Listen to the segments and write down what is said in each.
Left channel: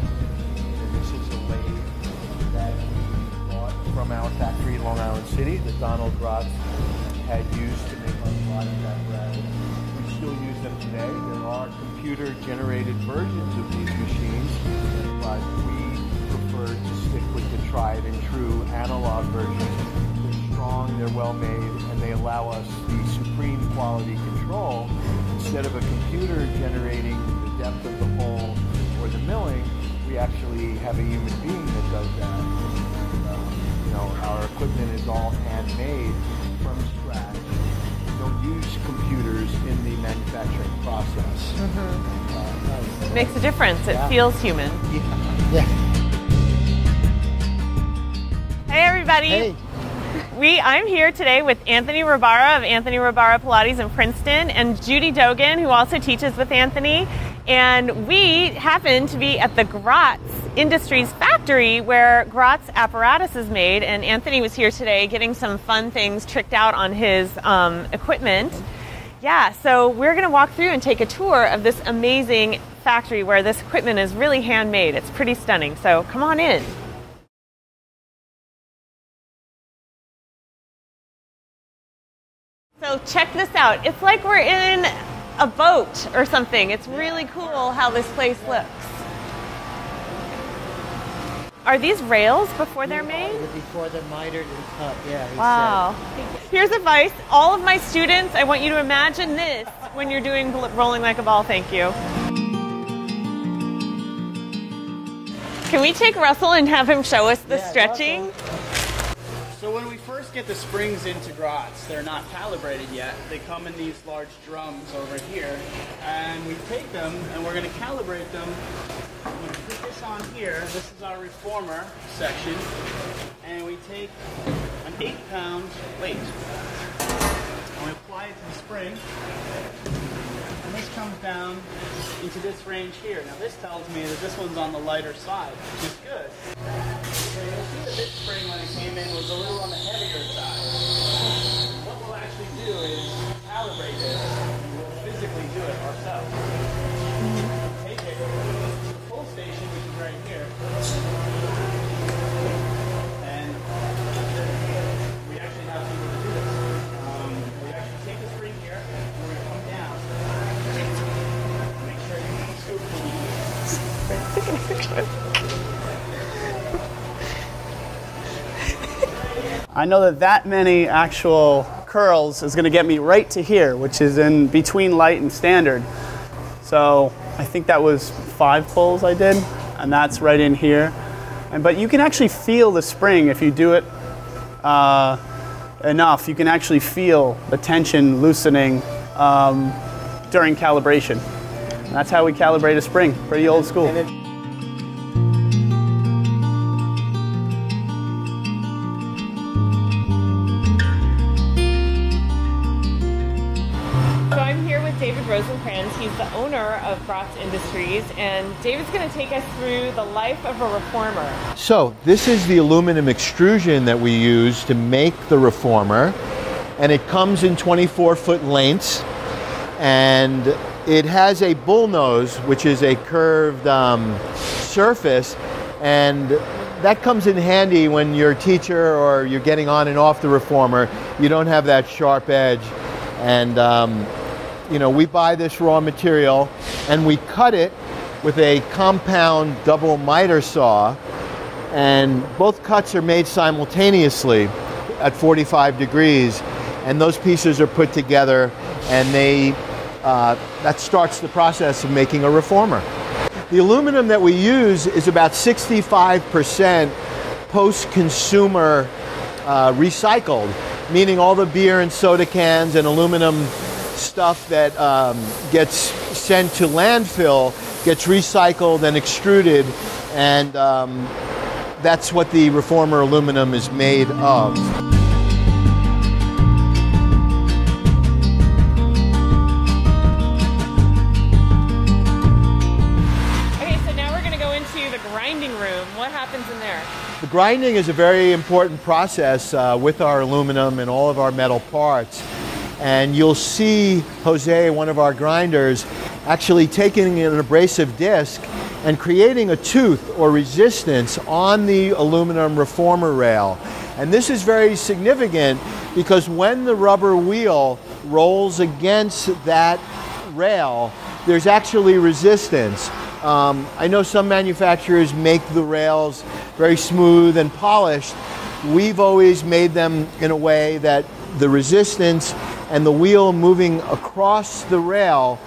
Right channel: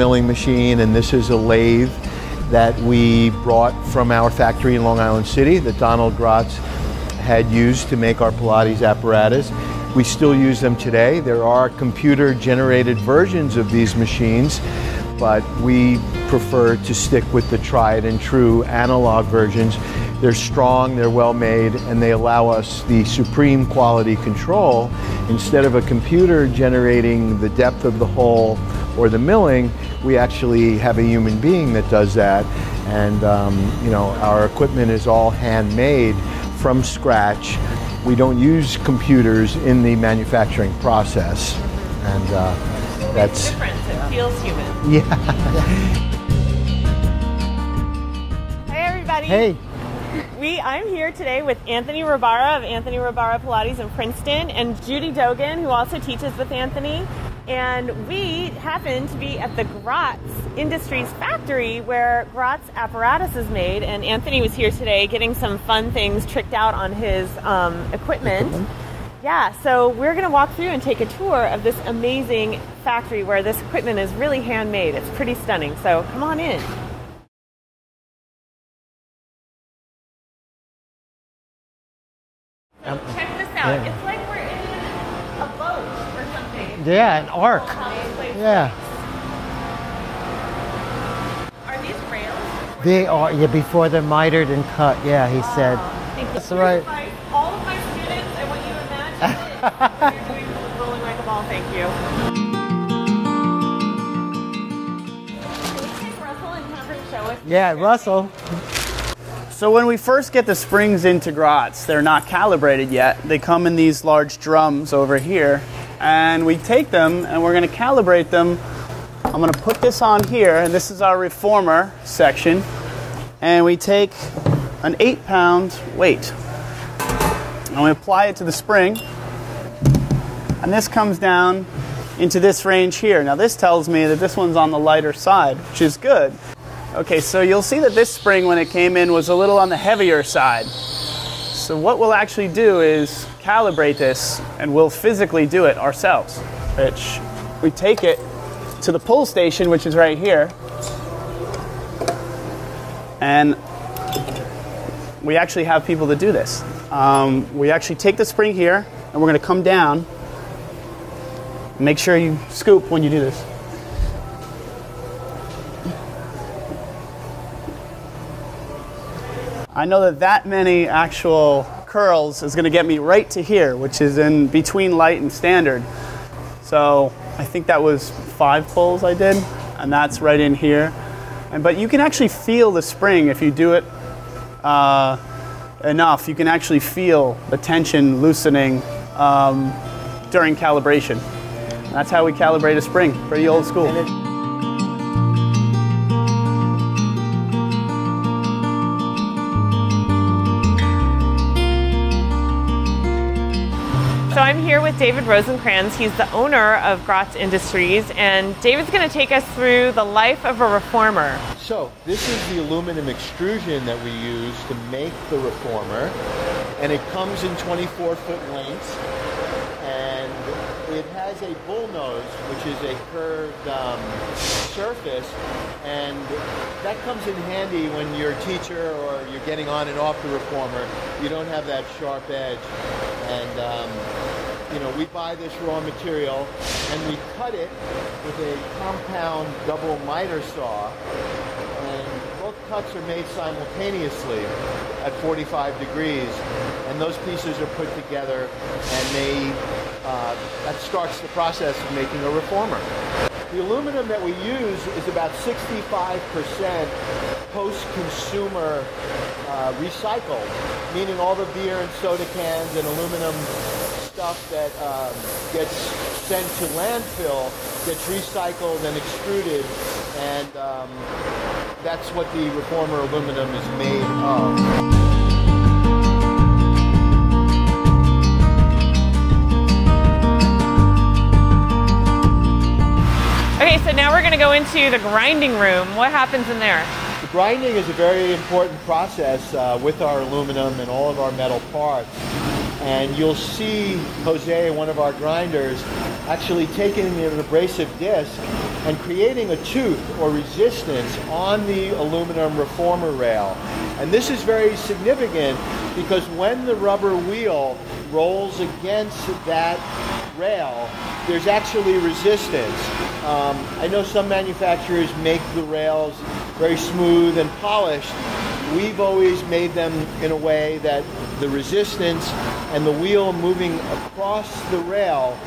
milling machine, and this is a lathe that we brought from our factory in Long Island City that Donald Gratz had used to make our Pilates apparatus. We still use them today. There are computer-generated versions of these machines, but we prefer to stick with the tried and true analog versions. They're strong, they're well made, and they allow us the supreme quality control. Instead of a computer generating the depth of the hole or the milling, we actually have a human being that does that. And you know, our equipment is all handmade from scratch. We don't use computers in the manufacturing process. And it makes a difference. It feels human. Yeah. Hey everybody. Hey. I'm here today with Anthony Rabara of Anthony Rabara Pilates in Princeton and Judy Dogin, who also teaches with Anthony. And we happen to be at the Gratz Industries factory where Gratz Apparatus is made. And Anthony was here today getting some fun things tricked out on his equipment. Yeah, so we're gonna walk through and take a tour of this amazing factory where this equipment is really handmade. It's pretty stunning, so come on in. So check this out. It's like we're in a boat or something. It's really cool how this place looks. Are these rails before they're made? Yeah, before they're mitered and cut. Yeah, he said. Thank you. Here's advice. All of my students, I want you to imagine this when you're doing rolling like a ball. Thank you. Can we take Russell and have him show us the stretching? Russell. So when we first get the springs into Gratz, they're not calibrated yet. They come in these large drums over here, and we take them and we're going to calibrate them. I'm going to put this on here, and this is our reformer section, and we take an 8-pound weight and we apply it to the spring, and this comes down into this range here. Now this tells me that this one's on the lighter side, which is good. Okay, so you'll see that this spring, when it came in, was a little on the heavier side. So what we'll actually do is calibrate this, and we'll physically do it ourselves. Which we take it to the pull station, which is right here, and we actually have people that do this. We actually take the spring here, and we're going to come down. Make sure you scoop when you do this. I know that many actual curls is going to get me right to here, which is in between light and standard. So I think that was 5 pulls I did, and that's right in here. But you can actually feel the spring if you do it enough. You can actually feel the tension loosening during calibration. And that's how we calibrate a spring. Pretty old school. David Rosencrans. He's the owner of Gratz Industries, and David's going to take us through the life of a reformer. So this is the aluminum extrusion that we use to make the reformer, and it comes in 24-foot lengths, and it has a bull nose, which is a curved surface, and that comes in handy when you're a teacher or you're getting on and off the reformer. You don't have that sharp edge, and you know, we buy this raw material and we cut it with a compound double miter saw, and both cuts are made simultaneously at 45 degrees, and those pieces are put together, and that starts the process of making a reformer. The aluminum that we use is about 65% post-consumer recycled, meaning all the beer and soda cans and aluminum stuff that gets sent to landfill gets recycled and extruded, and that's what the reformer aluminum is made of. Okay, so now we're going to go into the grinding room. What happens in there? The grinding is a very important process with our aluminum and all of our metal parts. And you'll see Jose, one of our grinders, actually taking an abrasive disc and creating a tooth or resistance on the aluminum reformer rail. And this is very significant because when the rubber wheel rolls against that rail, there's actually resistance. I know some manufacturers make the rails very smooth and polished. We've always made them in a way that the resistance and the wheel moving across the rail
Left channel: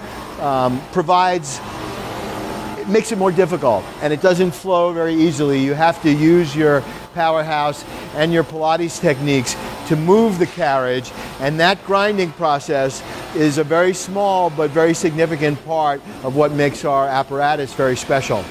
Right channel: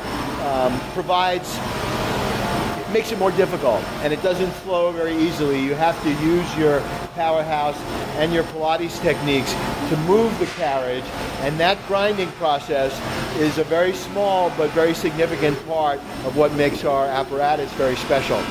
makes it more difficult, and it doesn't flow very easily. You have to use your powerhouse and your Pilates techniques to move the carriage, and that grinding process is a very small but very significant part of what makes our apparatus very special.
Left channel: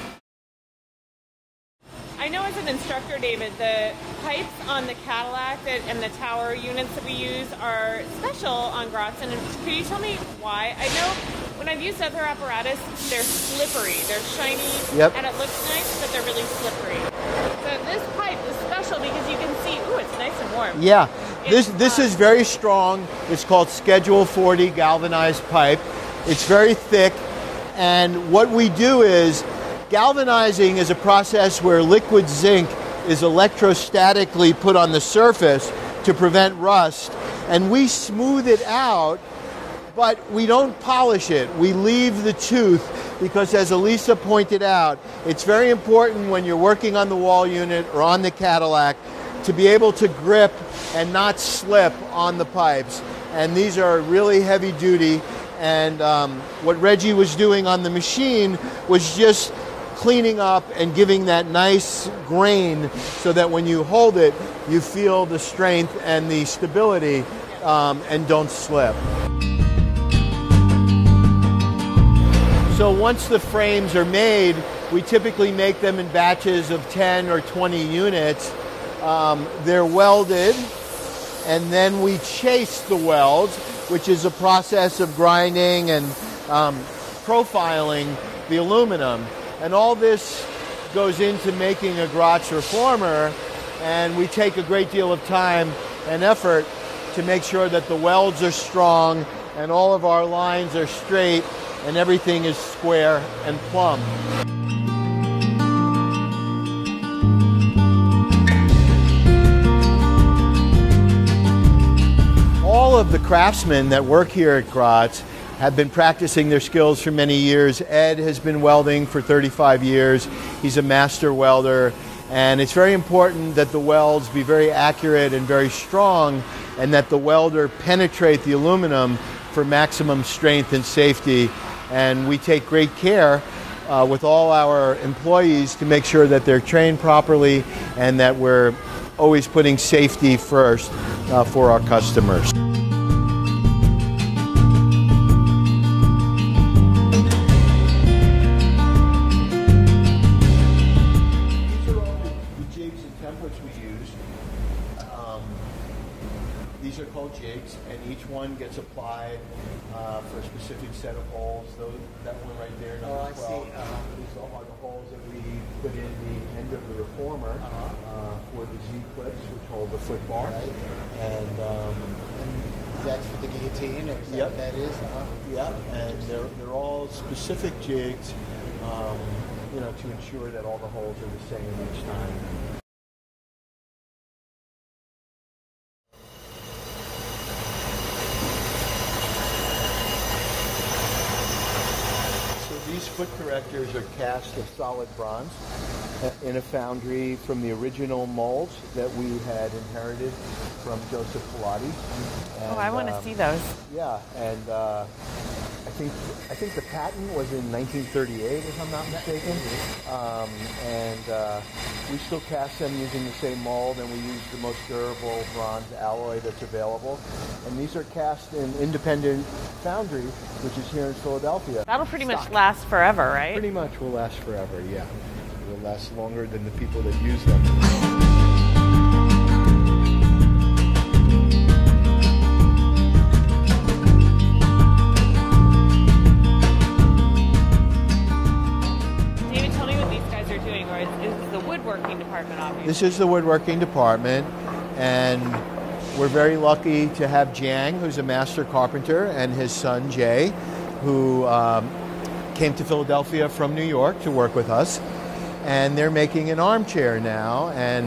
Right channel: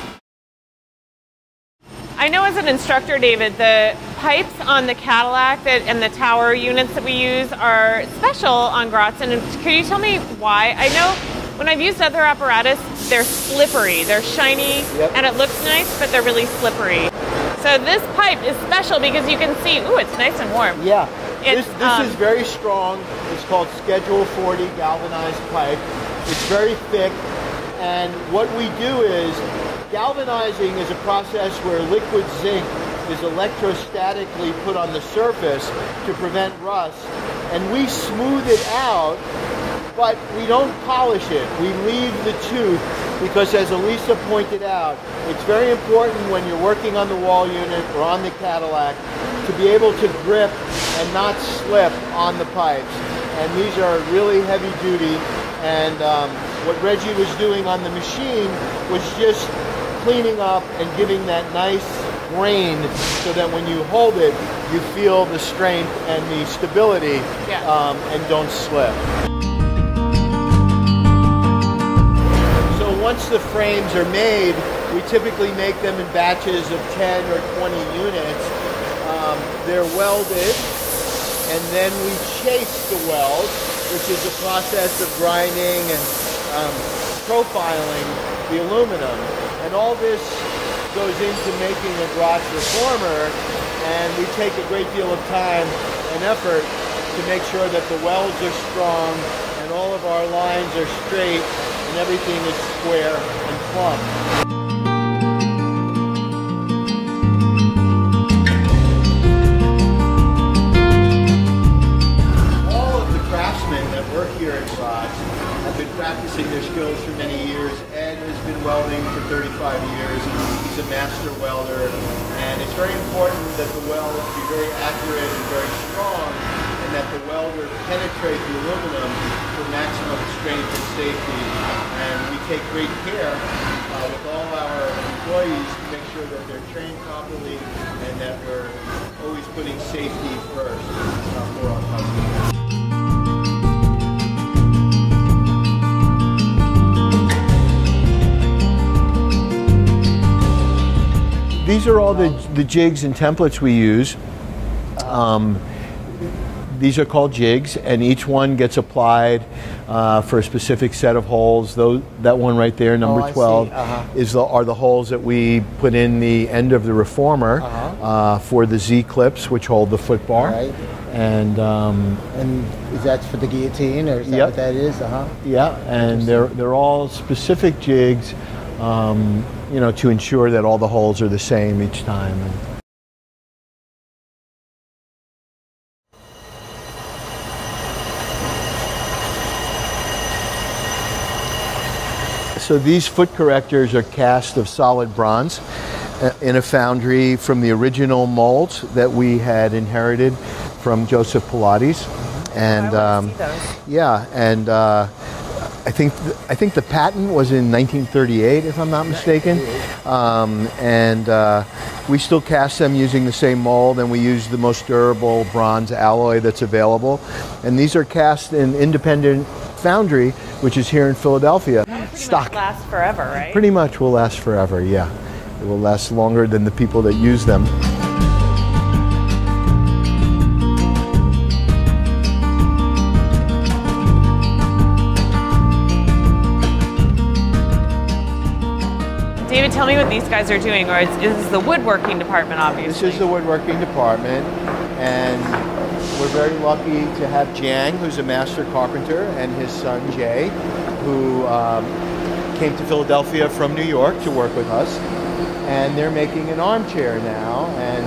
I know as an instructor, David, the pipes on the Cadillac and the tower units that we use are special on Gratz, and can you tell me why? I know when I've used other apparatus, they're slippery, they're shiny, and it looks nice, but they're really slippery. So this pipe is special because you can see, ooh, it's nice and warm. Yeah, this is very strong. It's called Schedule 40 galvanized pipe. It's very thick, and what we do is, galvanizing is a process where liquid zinc is electrostatically put on the surface to prevent rust, and we smooth it out, but we don't polish it. We leave the tooth because, as Elisa pointed out, it's very important when you're working on the wall unit or on the Cadillac to be able to grip and not slip on the pipes. And these are really heavy duty, and what Reggie was doing on the machine was just cleaning up and giving that nice grain so that when you hold it, you feel the strength and the stability and don't slip. So once the frames are made, we typically make them in batches of 10 or 20 units. They're welded, and then we chase the weld, which is a process of grinding and profiling the aluminum. And all this goes into making a Gratz reformer, and we take a great deal of time and effort to make sure that the welds are strong and all of our lines are straight and everything is square and plumb. All of the craftsmen that work here at Gratz have been practicing their skills for many years. Ed has been welding for 35 years. He's a master welder, and it's very important that the welds be very accurate and very strong, and that the welder penetrate the aluminum for maximum strength and safety. And we take great care with all our employees to make sure that they're trained properly and that we're always putting safety first for our customers. These are all the jigs and templates we use. These are called jigs, and each one gets applied for a specific set of holes. That one right there, number 12, are the holes that we put in the end of the reformer for the Z clips, which hold the foot bar. Right. And is that for the guillotine, or is that what that is? Yeah, and they're all specific jigs, you know, to ensure that all the holes are the same each time. So these foot correctors are cast of solid bronze in a foundry from the original molds that we had inherited from Joseph Pilates. And I want to see those. Yeah, and I think the patent was in 1938, if I'm not mistaken. We still cast them using the same mold, and we use the most durable bronze alloy that's available. And these are cast in Independent Foundry, which is here in Philadelphia. That'll pretty much last forever, right? Pretty much will last forever, yeah. It will last longer than the people that use them. David, tell me what these guys are doing, or this is the Woodworking Department, obviously. This is the Woodworking Department, and we're very lucky to have Jiang, who's a master carpenter, and his son Jay, who came to Philadelphia from New York to work with us, and they're making an armchair now. And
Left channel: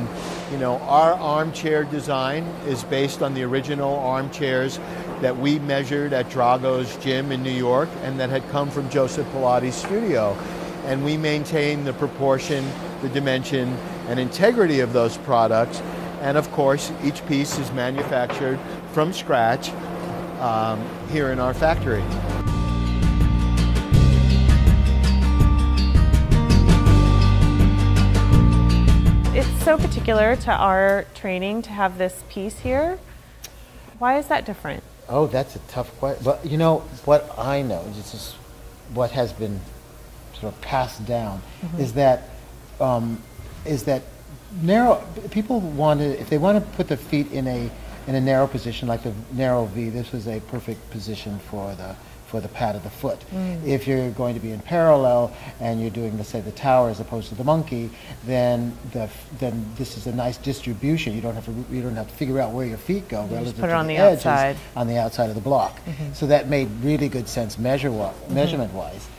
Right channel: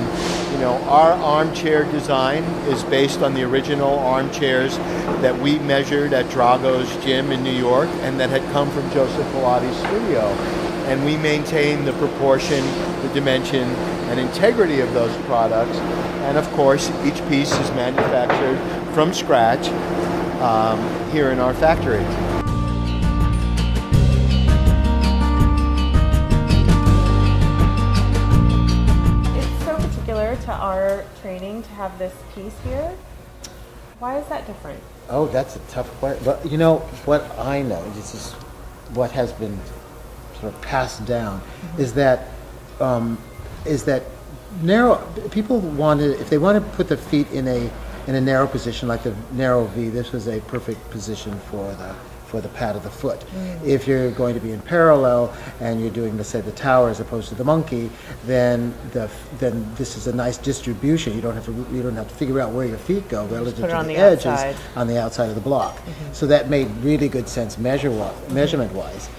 you know, our armchair design is based on the original armchairs that we measured at Drago's gym in New York, and that had come from Joseph Pilates' studio. And we maintain the proportion, the dimension, and integrity of those products. And of course, each piece is manufactured from scratch here in our factory. It's so particular to our training to have this piece here. Why is that different? Oh, that's a tough part. But you know, what I know, this is what has been sort of passed down, is that narrow, people wanted, if they want to put the feet in a narrow position, like the narrow V, this was a perfect position for the pad of the foot. If you're going to be in parallel and you're doing, let's say, the tower as opposed to the monkey, then this is a nice distribution. You don't have to figure out where your feet go relative to the edges on the outside of the block. So that made really good sense measurement-wise.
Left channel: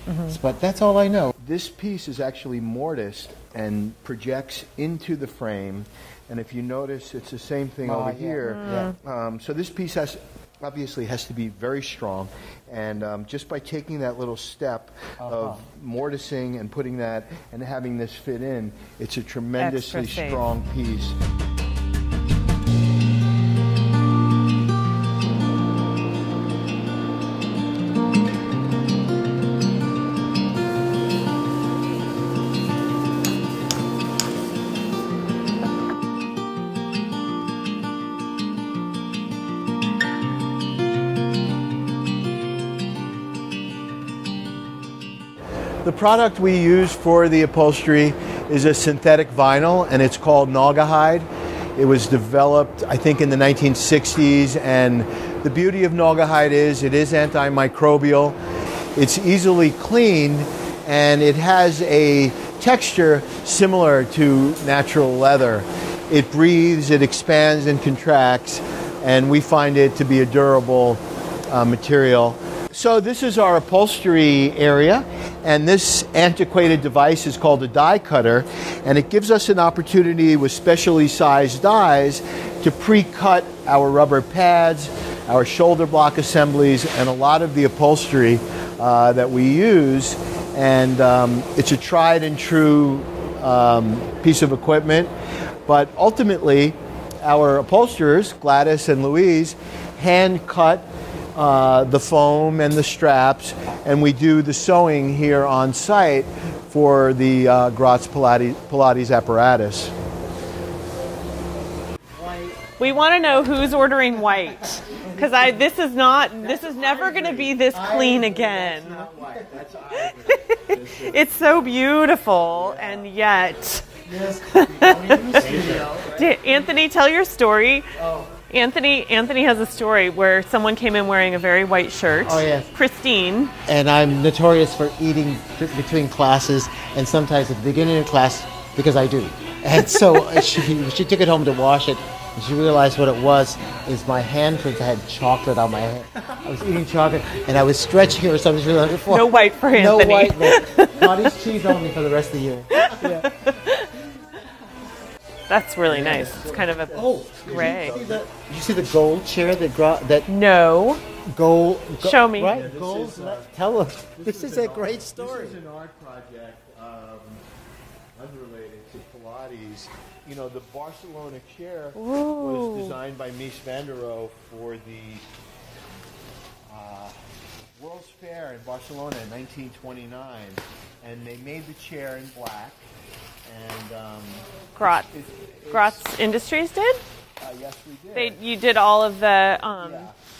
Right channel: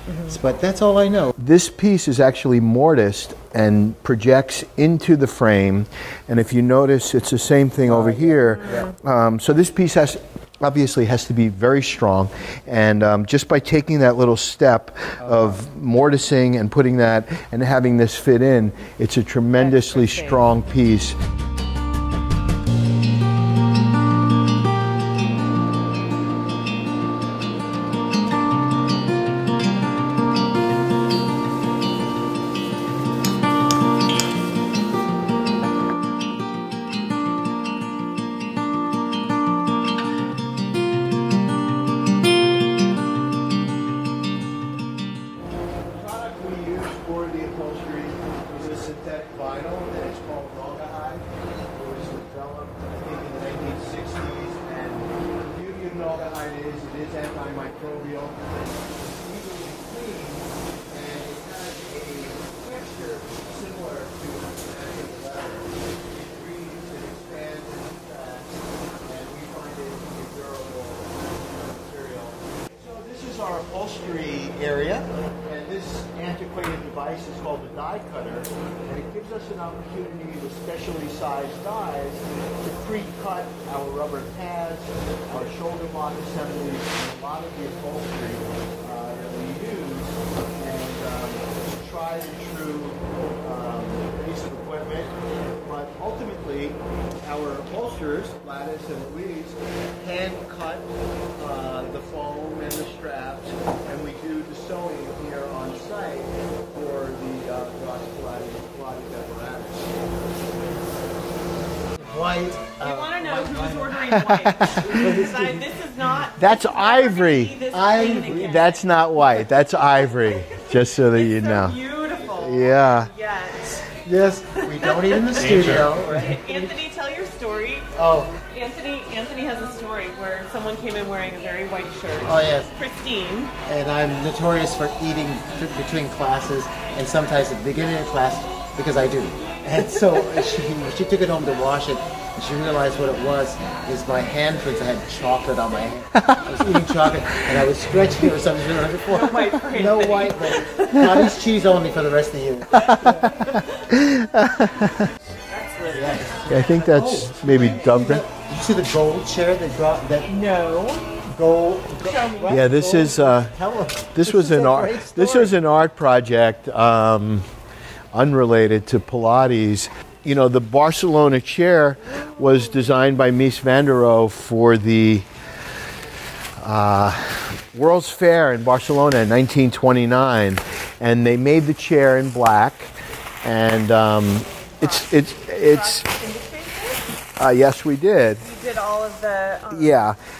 But that's all I know. This piece is actually mortised and projects into the frame, and if you notice, it's the same thing over here. So this piece obviously has to be very strong, and just by taking that little step of mortising and putting that and having this fit in, it's a tremendously strong piece. The product we use for the upholstery is a synthetic vinyl, and it's called Naugahyde. It was developed, I think, in the 1960s, and the beauty of Naugahyde is it is antimicrobial, it's easily cleaned, and it has a texture similar to natural leather. It breathes, it expands and contracts, and we find it to be a durable material. So this is our upholstery area, and this antiquated device is called a die cutter, and it gives us an opportunity with specially sized dies to pre-cut our rubber pads, our shoulder block assemblies, and a lot of the upholstery that we use. And it's a tried and true piece of equipment, but ultimately our upholsterers, Gladys and Louise, hand cut the foam and the straps, and we do the sewing here on site for the Gratz Pilates Apparatus. White. We want to know who's ordering white, because this is not. That's this is ivory. never going to be this clean again. That's not white. That's ivory. Just so that you know. It's so beautiful. Yeah. And yet. Yes, we don't eat in the studio. Right? Anthony, tell your story. Oh. Anthony has a story where someone came in wearing a very white shirt. Oh, yes. Pristine. And I'm notorious for eating between classes, and sometimes at the beginning of class, because I do. And so she took it home to wash it, and she realized what it was is my handprints. I had chocolate on my hand. I was eating chocolate, and I was stretching it for something really hard. No white for Anthony. No white. Cottage cheese only for the rest of you. That's really nice. I think that's maybe dubbed it. You see the gold chair that No. gold. Show me. Yeah, this is this was an art project unrelated to Pilates. You know, the Barcelona Chair was designed by Mies van der Rohe for the World's Fair in Barcelona in 1929, and they made the chair in black, and Gratz Industries did? Yes, we did. You did all of the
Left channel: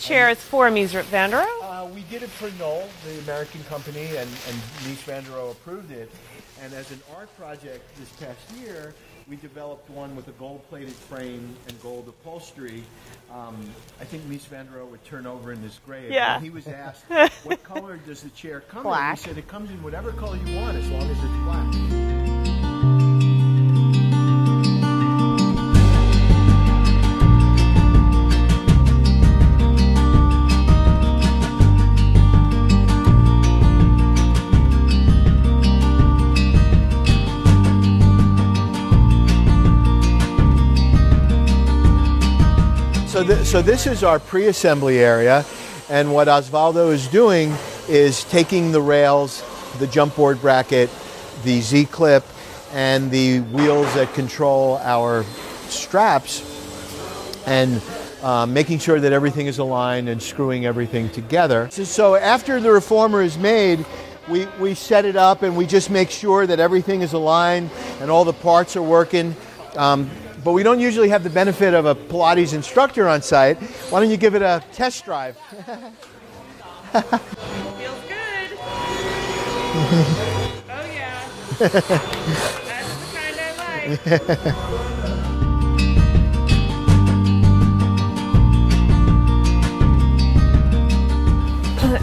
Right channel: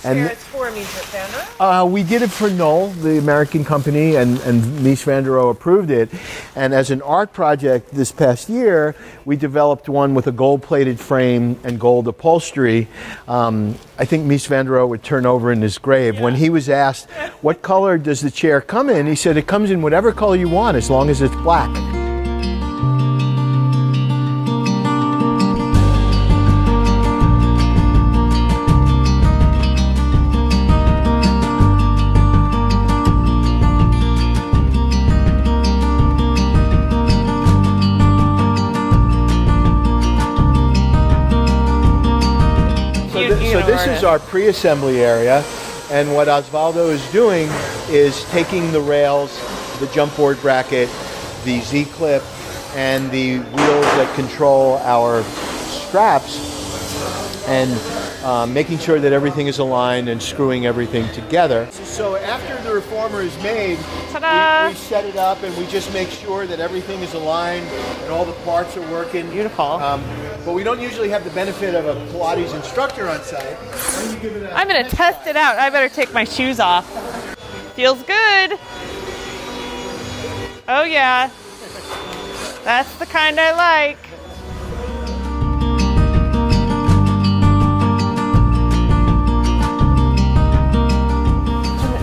chairs for Mies van der Rohe? We did it for Knoll, the American company, and Mies van der Rohe approved it. And as an art project this past year, we developed one with a gold-plated frame and gold upholstery. I think Mies van der Rohe would turn over in his grave. Yeah. When he was asked, what color does the chair come in? He said, it comes in whatever color you want, as long as it's black. this is our pre-assembly area, and what Osvaldo is doing is taking the rails, the jump board bracket, the Z-clip, and the wheels that control our straps, and making sure that everything is aligned and screwing everything together. So after the reformer is made, we set it up and we just make sure that everything is aligned and all the parts are working. Beautiful. But we don't usually have the benefit of a Pilates instructor on site. Why don't you give it a I'm going to test it out. I better take my shoes off. Feels good. Oh, yeah. That's the kind I like.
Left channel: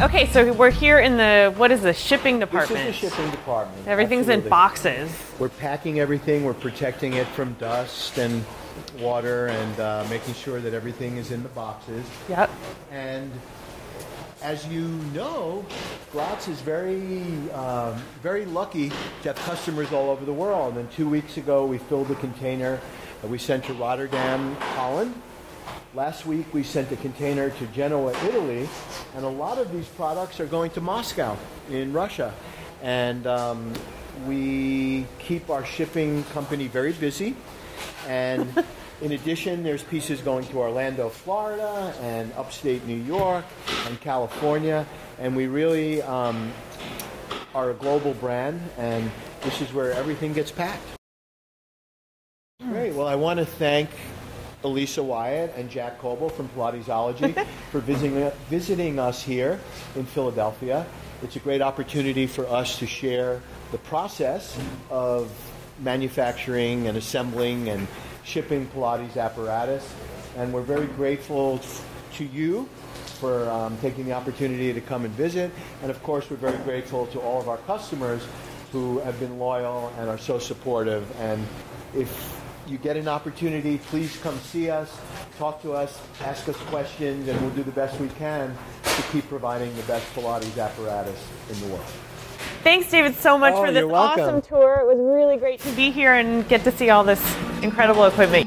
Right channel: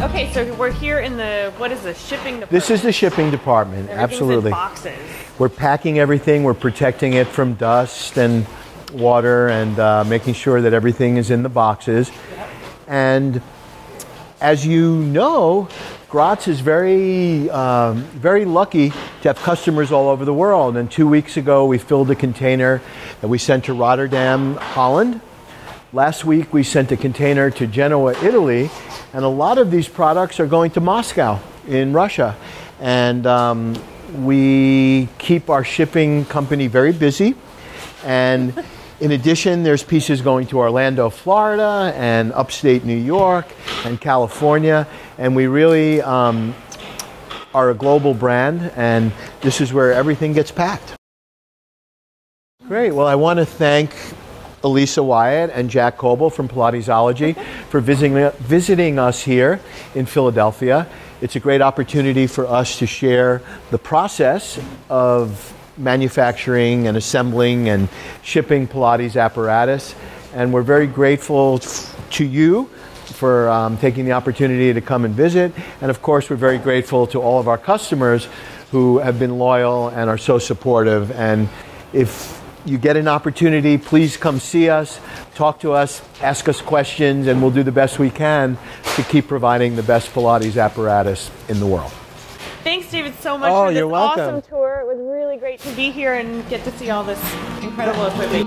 Okay, so we're here in the, what is the shipping department? This is the shipping department. Everything's Absolutely. in boxes. We're packing everything. We're protecting it from dust and water and making sure that everything is in the boxes. Yep. And as you know, Gratz is very lucky to have customers all over the world. And 2 weeks ago, we filled a container that we sent to Rotterdam, Holland. Last week, we sent a container to Genoa, Italy. And a lot of these products are going to Moscow in Russia. And we keep our shipping company very busy. And in addition, there's pieces going to Orlando, Florida, and upstate New York, and California. And we really are a global brand, and this is where everything gets packed. Great. Well, I want to thank Elisa Wyatt and Jack Coble from Pilatesology for visiting us here in Philadelphia. It's a great opportunity for us to share the process of manufacturing and assembling and shipping Pilates apparatus. And we're very grateful to you for taking the opportunity to come and visit. And of course, we're very grateful to all of our customers who have been loyal and are so supportive. And if you get an opportunity, please come see us, talk to us, ask us questions, and we'll do the best we can to keep providing the best Pilates apparatus in the world. Thanks, David, so much for this you're welcome. awesome tour. It was really great to be here and get to see all this incredible equipment